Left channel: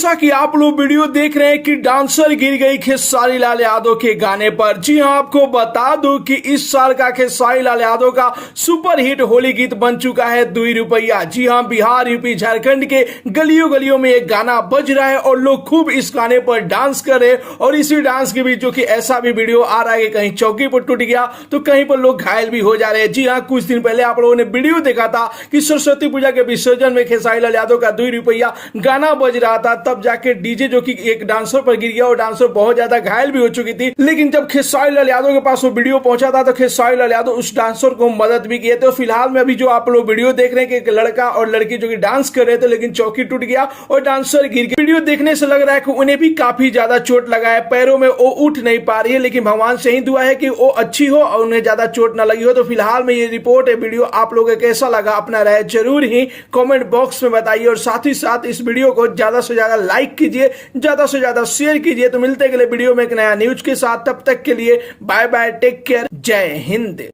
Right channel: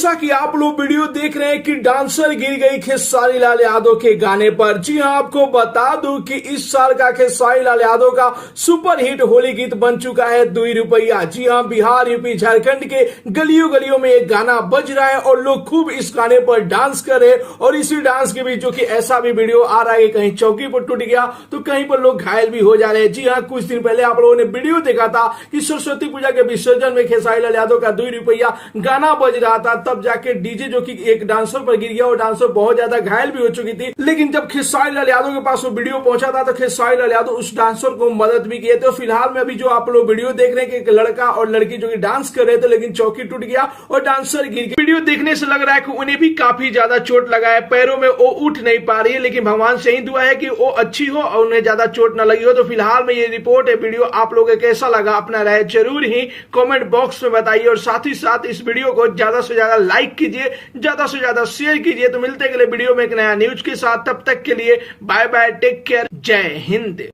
जैसा कि आप लोग वीडियो देख रहे हैं कि डांसर गिर गई खेसारी लाल यादव के गाने पर। जी हां, आपको बता दूं कि इस साल का खेसारी लाल यादव का सुपर हिट होली गीत बन चुका है 2 रुपया। जी हां, बिहार, यूपी, झारखंड के गलियों गलियों में एक गाना बज रहा है और लोग खूब इस गाने पर डांस कर रहे हैं। और इसी डांस के बीच जो कि ऐसा भी वीडियो आ रहा है कि कहीं चौकी पर टूट गया तो कहीं पर लोग घायल भी हो जा रहे हैं। जी हां, कुछ दिन पहले आप लोगों ने वीडियो देखा था कि सरस्वती पूजा के विसर्जन में खेसारी लाल यादव का 2 रुपया गाना बज रहा था, तब जाके डीजे जो कि एक डांसर पर गिर गया और डांसर बहुत ज्यादा घायल भी हो चुकी थी। लेकिन जब खेसारी लाल यादव के पास वो वीडियो पहुंचा था तो खेसारी लाल यादव उस डांसर को मदद भी किए थे। फिलहाल में अभी जो आप लोग वीडियो देख रहे हैं कि एक लड़का और लड़की जो कि डांस कर रहे थे लेकिन चौकी टूट गया और डांसर गिर गया। वीडियो देखने से लग रहा है कि उन्हें भी काफी ज्यादा चोट लगा है, पैरों में वो उठ नहीं पा रही है, लेकिन भगवान से ही दुआ है कि वो अच्छी हो और उन्हें ज्यादा चोट ना लगी हो। तो फिलहाल में ये रिपोर्ट है, वीडियो आप लोगों को कैसा लगा अपना राय जरूर ही कमेंट बॉक्स में बताइए और साथ ही साथ इस वीडियो को ज्यादा से ज्यादा लाइक कीजिए, ज्यादा से ज्यादा शेयर कीजिए। तो मिलते हैं अगले वीडियो में एक नया न्यूज के साथ, तब तक के लिए बाय बाय, टेक केयर, जय हिंद।